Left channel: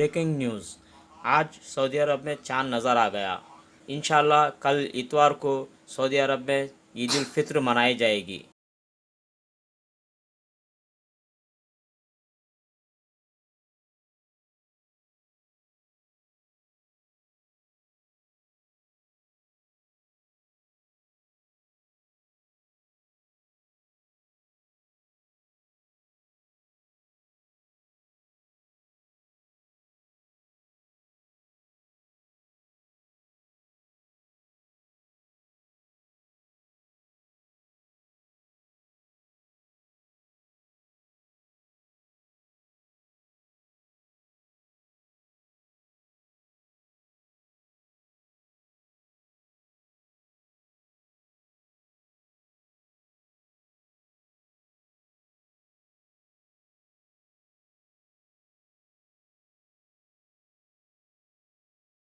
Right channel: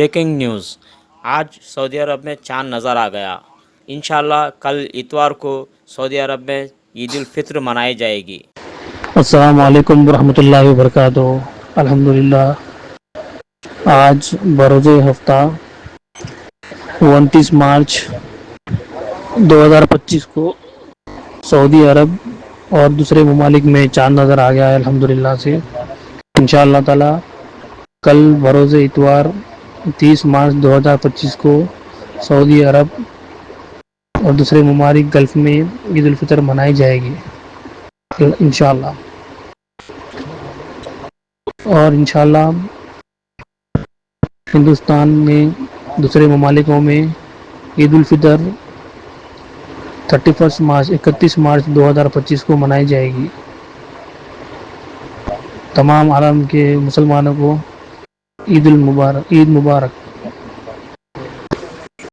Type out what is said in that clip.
Breaking news, آج سعودی عرب میں چاند نظر آ گیا۔ انشاءاللہ کل اتوار کو سعودی عرب میں عید الفطر منائی جائے گی۔ السلام علیکم ورحمۃ اللہ وبرکاتہ۔ الحمدللہ آج بروز ہفتہ 29 مارچ 2025 کو سعودی عرب اور دوسرے ممالک میں چاند نظر آ گیا ہے الحمدللہ سے۔ انشاءاللہ تعالی کل بروز اتوار 30 مارچ 2025 کو سعودی عرب اور دوسرے ممالک گلف میں عید الفطر منائی جائے گی انشاءاللہ۔ اور انشاءاللہ ہندوستان میں دوسرے ممالکوں میں عید الفطر 31 مارچ 2025 کو منائی جائے گی۔ تمام عالم کے مسلمانوں کو عید مبارک۔